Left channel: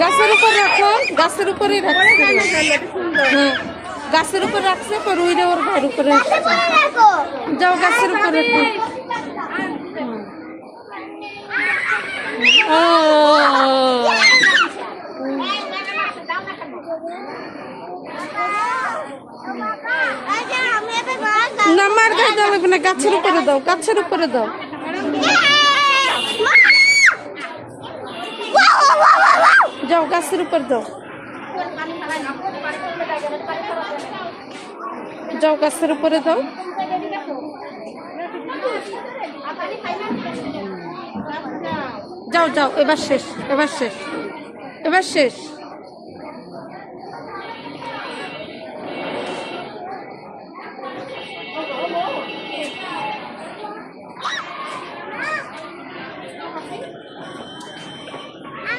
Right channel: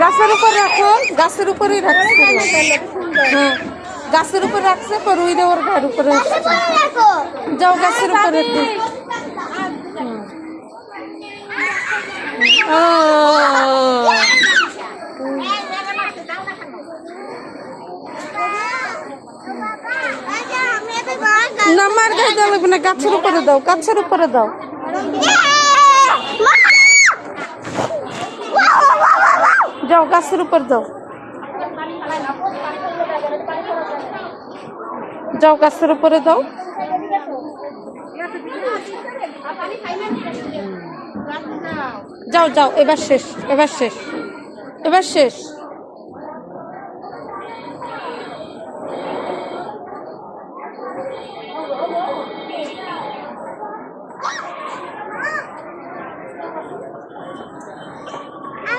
গাছের উপর রাখো, গাছের উপরেই রাখছে। হ্যাঁ, গাছের উপর রাখছে, রুইরে ওর গায়ের উপরে যাও, গাছের উপরে। না, মার গায়ে দেওয়া লাগবে না, গাছের উপরে দাও, গাছের উপরে দাও। যাও, গাছের উপর দাও, যাও, গাছের উপরে দাও। যাও যাও, এবার শেষ, এবার শেষ, এবার শেষ।